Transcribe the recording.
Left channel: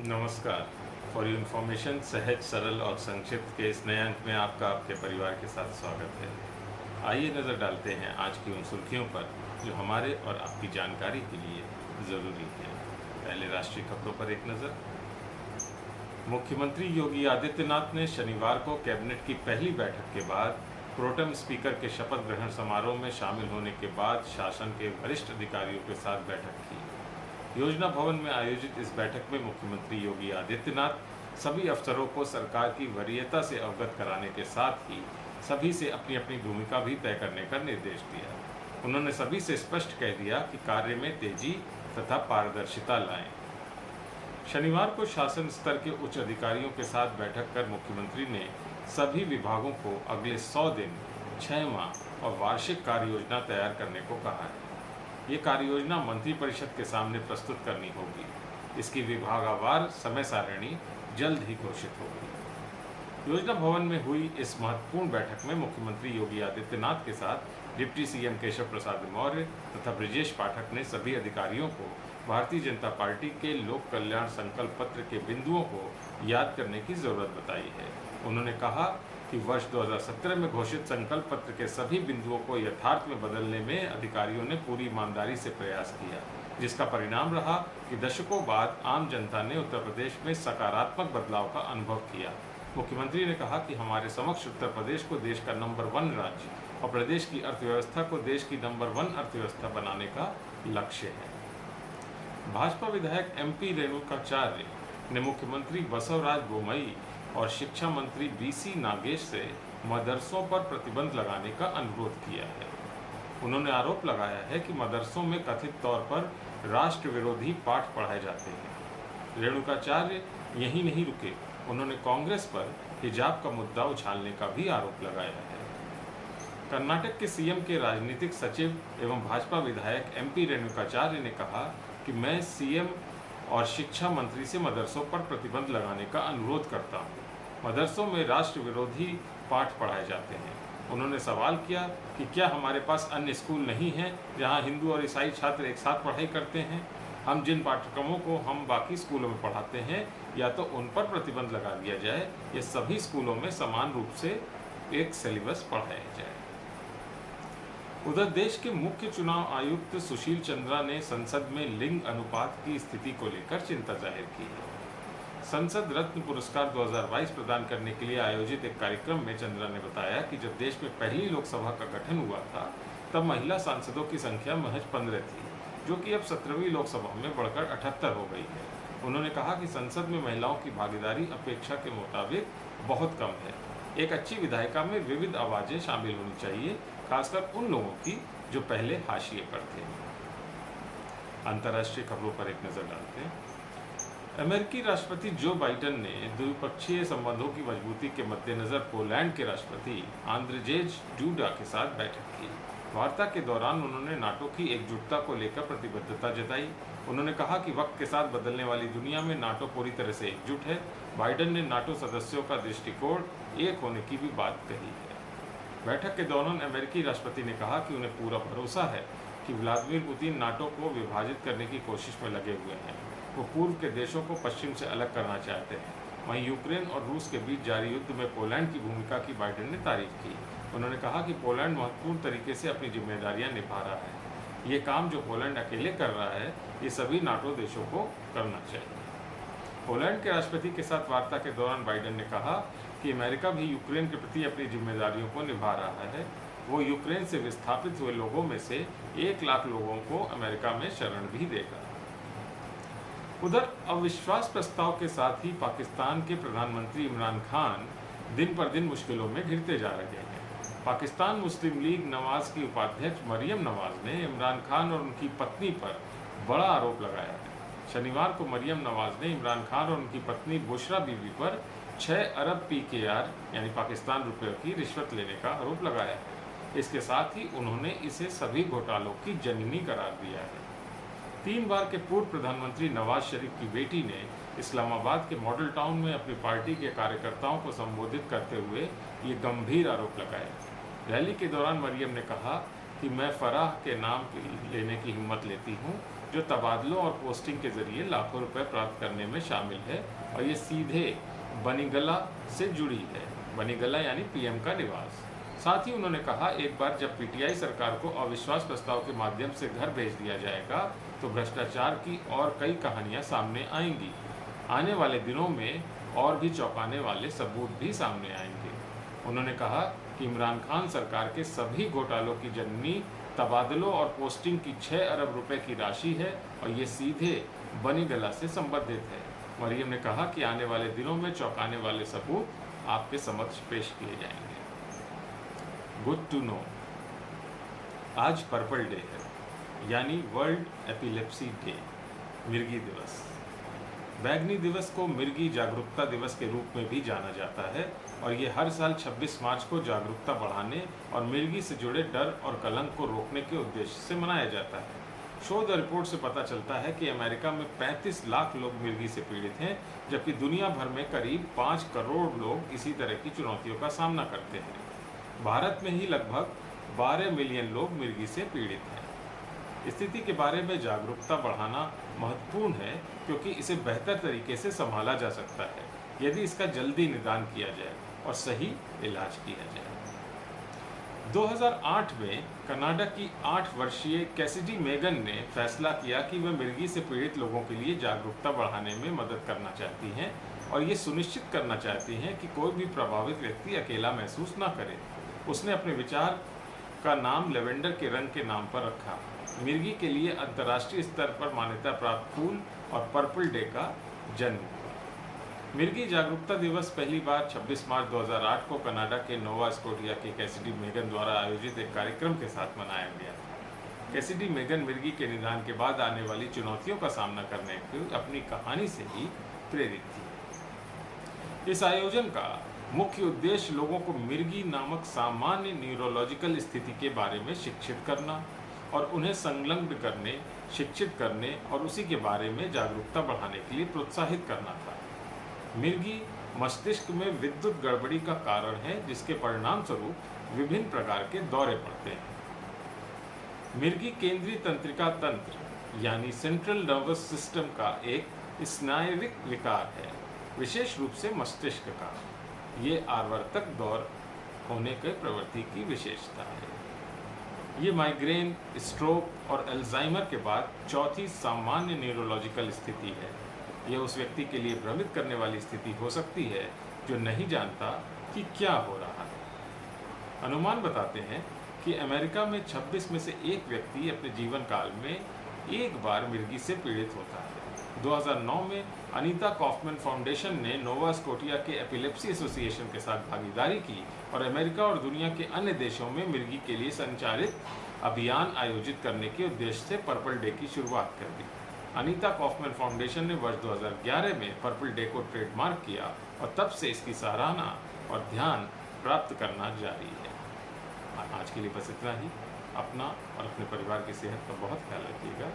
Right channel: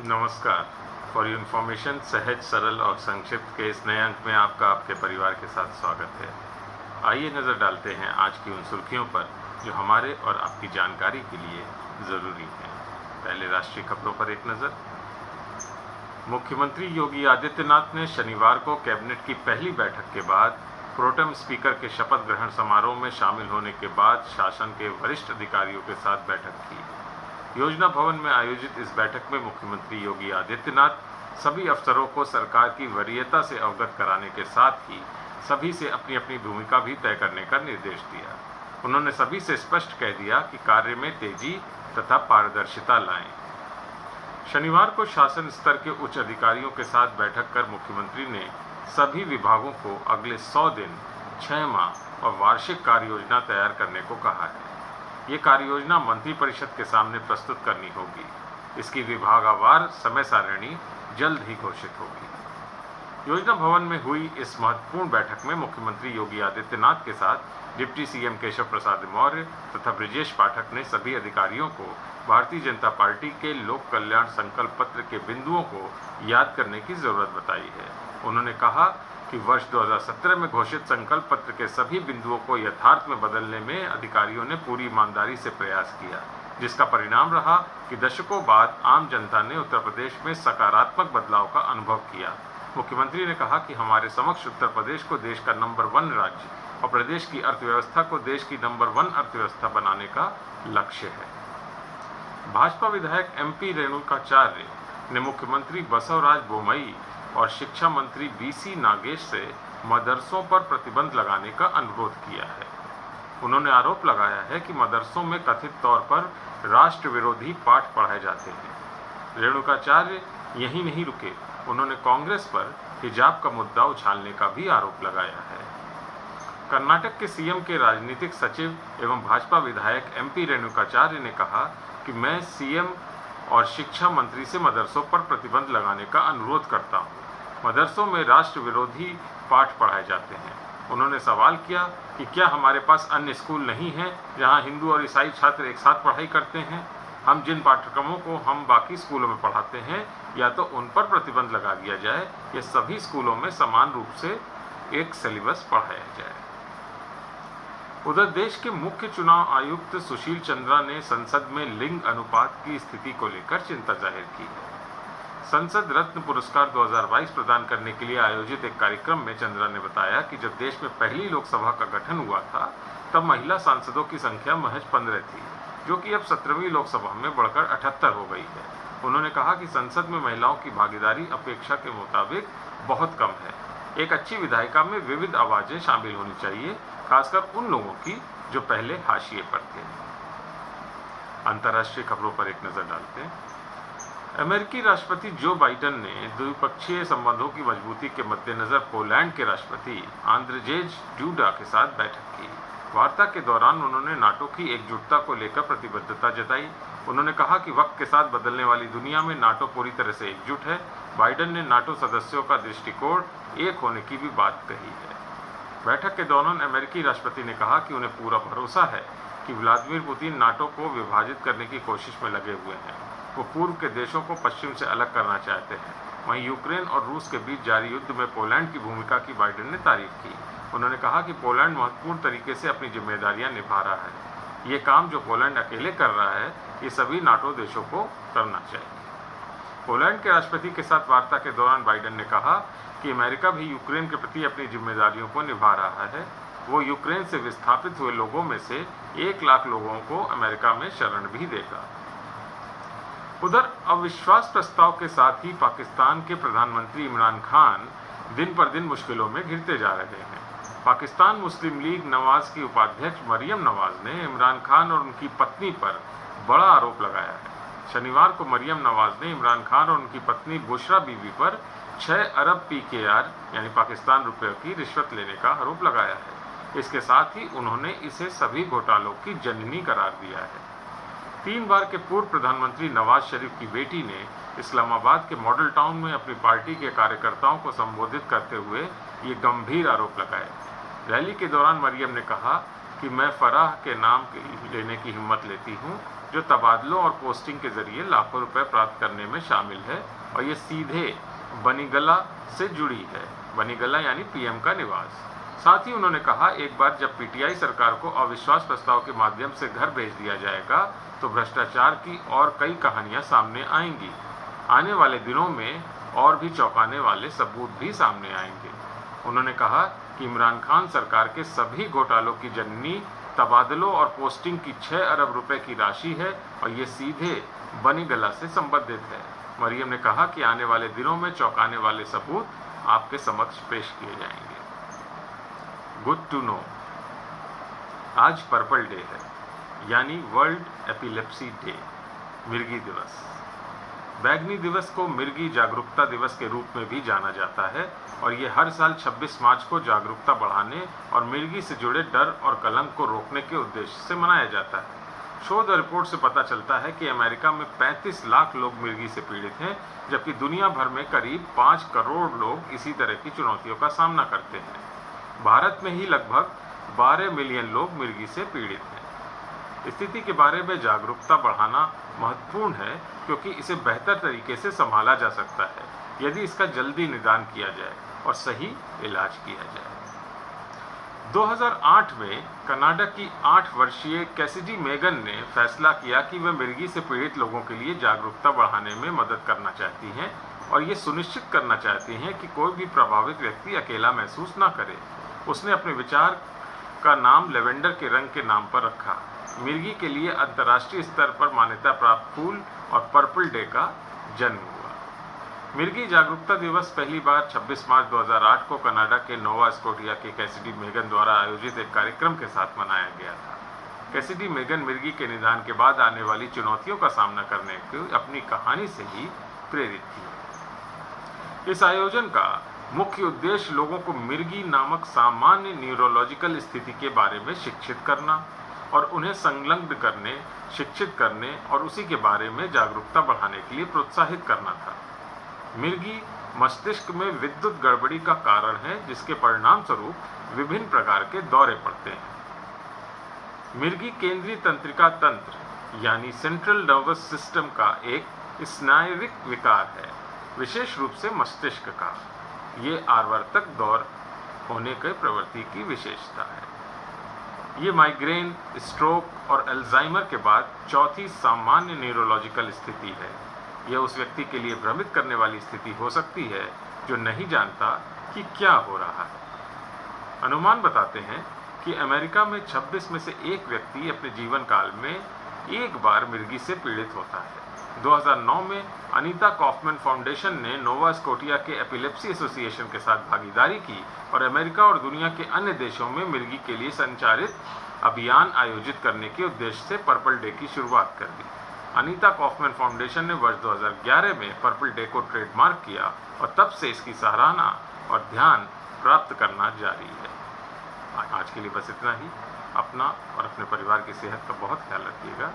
नमस्कार। For your information सहज, सरल और संक्षिप्त के इस नए अंक में आपका आपके परिवार के साथ स्वागत है। आइए नज़र डालते हैं आज की उन सुर्खियों पर जो हमारे और आपकी जानकारी के लिए ज़रूरी हैं। पहले राष्ट्रीय खबरों पर एक नज़र। मुख्यमंत्री योगी आदित्यनाथ ने शनिवार को कैबिनेट की पहली बैठक के बाद प्रोटेम स्पीकर के शपथ ग्रहण समारोह में शामिल होने के बाद शासन के वरिष्ठ अधिकारियों के साथ बैठक की। योजना भवन में आयोजित इस बैठक में मुख्यमंत्री योगी आदित्यनाथ सभी अफसरों को सरकार की वरीयता से अवगत कराने के साथ ही सभी से अपनी अपनी भूमिका भी तय करने का निर्देश दिया। उन्होंने सभी से स्पष्ट कह दिया कि कार्य में तेजी तथा पारदर्शिता लाएं। शनिवार को शासन स्तर के उच्च अधिकारियों के साथ बैठक कर मुख्यमंत्री ने सभी विभागों को अगले 100 दिन, 6 माह और वार्षिक कार्य योजना तैयार करने को कहा है। ये कार्य योजना मंत्रिपरिषद के सामने प्रस्तुत करनी होगी। इसकी विभागवार समय सारणी जल्द ही घोषित होगी। योजना भवन में हुई इस महत्वपूर्ण बैठक में मुख्यमंत्री योगी आदित्यनाथ के साथ डिप्टी सीएम केशव प्रसाद मौर्य तथा ब्रजेश पाठक ने सभी अधिकारियों को भारतीय जनता पार्टी के लोक कल्याण संकल्प पत्र के बिंदुओं को याद करने की जरूरत बताई है। उन्होंने कहा कि वर्ष 2017 में घोषित संकल्प पत्र के सभी बिंदुओं को यथार्थ में बदलने में अधिकारियों ने पूरी ईमानदारी से प्रयास किया, जिसका परिणाम रहा कि दशकों बाद आम जनता ने उत्तर प्रदेश में सकारात्मक बदलाव का अनुभव किया। मुख्यमंत्री ने कहा कि हमारे समक्ष उत्तर प्रदेश को देश का नंबर 1 राज्य और प्रदेश की अर्थव्यवस्था को देश की नंबर 1 अर्थव्यवस्था बनाने का लक्ष्य है। भाजपा विधायक MP रेणुकाचार्य ने मुख्यमंत्री बसवराज बोमई और शिक्षा मंत्री BC नागेश से मदरसों पर प्रतिबंध लगाने का अनुरोध किया है। उन्होंने आरोप लगाया है कि मदरसों में कथित तौर पर राष्ट्र विरोधी पाठ पढ़ाए जाते हैं। रेणुकाचार्य यहीं नहीं रुके, उन्होंने कांग्रेस पर हिजाब का मुद्दा उछालने का भी आरोप लगाया है। कर्नाटक के CM के राजनीतिक सचिव एवं भाजपा विधायक MP रेणुकाचार्य ने कहा कि मैं CM और शिक्षा मंत्री से मदरसों पर प्रतिबंध लगाने का अनुरोध करता हूँ। मदरसों में राष्ट्र विरोधी पाठ पढ़ाए जाते हैं। उन्होंने सवाल किया कि क्या हमारे पास अन्य स्कूल नहीं हैं जहाँ हिंदू और ईसाई छात्र एक साथ पढ़ाई करते हैं? हम जिन पाठ्यक्रमों को हम बाकी स्कूलों में पढ़ाते हैं या तो उन पर प्रतिबंध लगा दिया जाए या सभी स्कूलों में समान रूप से एक सिलेबस पढ़ाया जाए। उधर देश के मुख्य चुनाव आयुक्त सुशील चंद्रा ने संसद में लिंग अनुपात की स्थिति को लेकर चिंता जाहिर की है। संसद रत्न पुरस्कार 2022 प्रदान करने के लिए आयोजित एक कार्यक्रम में चंद्रा ने बताया कि जब देश में पहली लोकसभा का गठन हुआ था तब महिला सांसदों की संख्या महज 15 थी, जो कि अब 17वीं लोकसभा में बढ़कर 78 हो गई है। उन्होंने कहा कि संसद में महिलाओं की भागीदारी अपेक्षा के मुताबिक बहुत कम है। एक अच्छी विधायिका में विविध आवाजें शामिल होनी चाहिए, खासकर उन लोगों की जो पहले हाशिए पर थे। अंतर्राष्ट्रीय खबरों पर एक नजर डालते हैं। अमेरिकी राष्ट्रपति जो बाइडेन ने द्विपक्षीय संबंधों की मजबूती के मद्देनजर पोलैंड के राष्ट्रपति आंद्रजेज डूडा के साथ बैठक की। वार्ता के दौरान उन्होंने नाटो की एकजुटता को लेकर प्रतिबद्धता जताई। उन्होंने कहा कि वक्त के साथ बदलने वाली दुनिया में नाटो पूरी तरह से एकजुट है। बाइडेन ने नाटो सदस्यों का दृष्टिकोण एक होने की भी बात कही है। बैठक के दौरान अमेरिकी राष्ट्रपति ने कहा कि उन्हें पूरा भरोसा है कि व्लादिमीर पुतिन नाटो को विभाजित करने की कोशिश में लगे हुए हैं। वो पूर्व के देशों को पश्चिम से अलग करना चाहते हैं। वहीं यूक्रेन और रूस के बीच जारी युद्ध में पोलैंड की भूमिका की बाइडेन ने तारीफ की। उन्होंने कहा कि पोलैंड महत्वपूर्ण तरीके से अपनी जिम्मेदारियां निभा रहा है। ये काम जो पोलैंड अकेले कर रहा है, ये सभी नाटो देशों को करना चाहिए। पोलैंड के राष्ट्रपति के साथ वार्ता के दौरान बाइडेन ने कहा कि अमेरिका भी यूक्रेन के प्रति अपनी जिम्मेदारियों को निभा रहा है। वो यूक्रेन से विस्थापित हुए लोगों में से 1 लाख लोगों को अमेरिका में शरण भी देगा। उधर अविश्वास प्रस्ताव के साथ ही पाकिस्तान के प्रधानमंत्री इमरान खान दिन पर दिन मुश्किलों में घिरते जा रहे हैं। पाकिस्तान मुस्लिम लीग नवाज की उपाध्यक्ष मरियम नवाज ने इमरान खान और उनकी पत्नी पर बड़ा आरोप लगाया है। शनिवार को मरियम नवाज ने इमरान खान और उनकी पत्नी बुशरा बीबी पर 6 अरब PKR यानी पाकिस्तान रुपये की रिश्वत लेने का आरोप लगाया है। इसके साथ ही उन्होंने इसे सभी घोटालों की जननी करार दिया है। 3 बार के पूर्व प्रधानमंत्री नवाज शरीफ की बेटी ने इस्लामाबाद के मॉडल टाउन में अपनी पार्टी के कार्यकर्ताओं को संबोधित करते हुए ये गंभीर आरोप लगाए। रैली के दौरान मरियम ने कहा कि मैं फराह के नाम लेने की हिम्मत लेती हूँ, जो तबादलों और पोस्टिंग के जरिए लाखों रुपए प्राप्त करने में शामिल है और ये सीधे बनीगला से जुड़ी है। बनीगला यानी पीएम का निवास। साथ ही उन्होंने कहा, एक बार जब पीटीआई सरकार को अविश्वास प्रस्ताव के माध्यम से घर भेज दिया जाएगा तो भ्रष्टाचार की और कई कहानियां सामने आएंगी। आने वाले दिनों में और भी चौंकाने वाले सबूत भी सामने आएंगे। उन्होंने कहा कि इमरान खान सरकार के सभी घोटालों की जननी तबादलों और पोस्टिंग की 6 अरब रुपए की राशि है और ये सीधे बनीगला से संबंधित है। मरियम ने कहा कि आने वाले दिनों में चौंकाने वाले सबूत आपके समक्ष पेश किए जाएंगे। गुड टू नो, आज पर्पल डे है, यानी वर्ल्ड एपिलेप्सी डे, मिर्गी दिवस। बैगनी दिवस को मिर्गी जागरूकता दिवस के रूप में भी जाना जाता है और ये हर साल 26 मार्च को जागरूकता बढ़ाने और मिर्गी से जुड़े डर और कलंक को रोकने के उद्देश्य से मनाया जाता है। शोध रिपोर्ट से पता चलता है कि अमेरिका में 35 लाख लोग मिर्गी से पीड़ित हैं, जबकि दुनिया भर में करीब 5 करोड़ लोग इसी तरह की चुनौतियों का सामना करते हैं। भारत में ही लगभग 12 मिलियन लोग मिर्गी से पीड़ित हैं। स्थिति के बारे में जागरूकता बढ़ाना महत्वपूर्ण है क्योंकि इसे बेहतर तरीके से संभाला जा सकता है यदि इसका जल्दी निदान किया जाए और सही इलाज किया जाए। 2008 में कनाडा की 8 वर्षीय कैसिडी मेगन ने फैसला किया कि वे मिर्गी से पीड़ित लोगों के लिए जागरूकता बढ़ाने में मदद करना चाहती हैं और ये सुनिश्चित करना चाहती हैं कि कोई भी प्रभावित व्यक्ति अकेला महसूस न करे। उसने अपने विचार का नाम लेवेंडर के रंग के नाम पर रखा। मिर्गी के लिए अंतर्राष्ट्रीय स्तर पर मान्यता प्राप्त फूल और पर्पल डे का जन्म हुआ। मिर्गी जागरूकता दिवस पहली बार 26 मार्च 2008 को कनाडा के नोवा स्कोटिया के कैसिडी मेगन द्वारा आयोजित एक कार्यक्रम के साथ मनाया गया था। कैसिडी मेगन मिर्गी के निदान के बाद आने वाली चुनौतियों का सामना करने की अपनी कहानी से ही प्रेरित थी। इस आयोजन का मुख्य उद्देश्य लोगों को मिर्गी नामक सामान्य न्यूरोलॉजिकल स्थिति के बारे में शिक्षित करना और उन्हें संलग्न करने, शिक्षित करने और उसी के बारे में जागरूकता बढ़ाने के लिए प्रोत्साहित करना था। मिर्गी मस्तिष्क में विद्युत गड़बड़ी का कारण है जिसके परिणाम स्वरूप विभिन्न प्रकार के दौरे पड़ते हैं। मिर्गी केंद्रीय तंत्रिका तंत्र यानी सेंट्रल नर्वस सिस्टम का एक स्नायविक विकार है, विशेष रूप से मस्तिष्क का। ये आवर्तक दौर होने के प्रवृत्ति की विशेषता है। ये माइग्रेन, स्ट्रोक और अल्जाइमर के बाद चौथी सामान्य न्यूरोलॉजिकल स्थिति है। यह उस व्यक्ति के लिए भ्रमित करने वाली स्थिति हो सकती है जो नहीं जानता कि क्या हो रहा है। अनुमान बताते हैं कि अमेरिका में 26 में से एक व्यक्ति अपने जीवन काल में एक बार मिर्गी से पीड़ित होता है। 2009 में अनीता कॉफमैन फाउंडेशन ने नोवा स्कोटिया के एपिलेप्सी एसोसिएशन के साथ भागीदारी की और अमेरिका और दुनिया के अन्य देशों में मिर्गी के लिए संचालित अभियान आयोजित करने के उद्देश्य से पर्पल डे की शुरुआत कर दी। अनीता कॉफमैन फाउंडेशन ने वर्ष 2011 में पर्पल डे को ट्रेडमार्क किया और तब से इसकी सराहना और ध्यान प्राप्त करना जारी है। आज के लिए बस इतना ही। अपना और अपने परिवार की सेहत का बहुत ख्याल रखिएगा।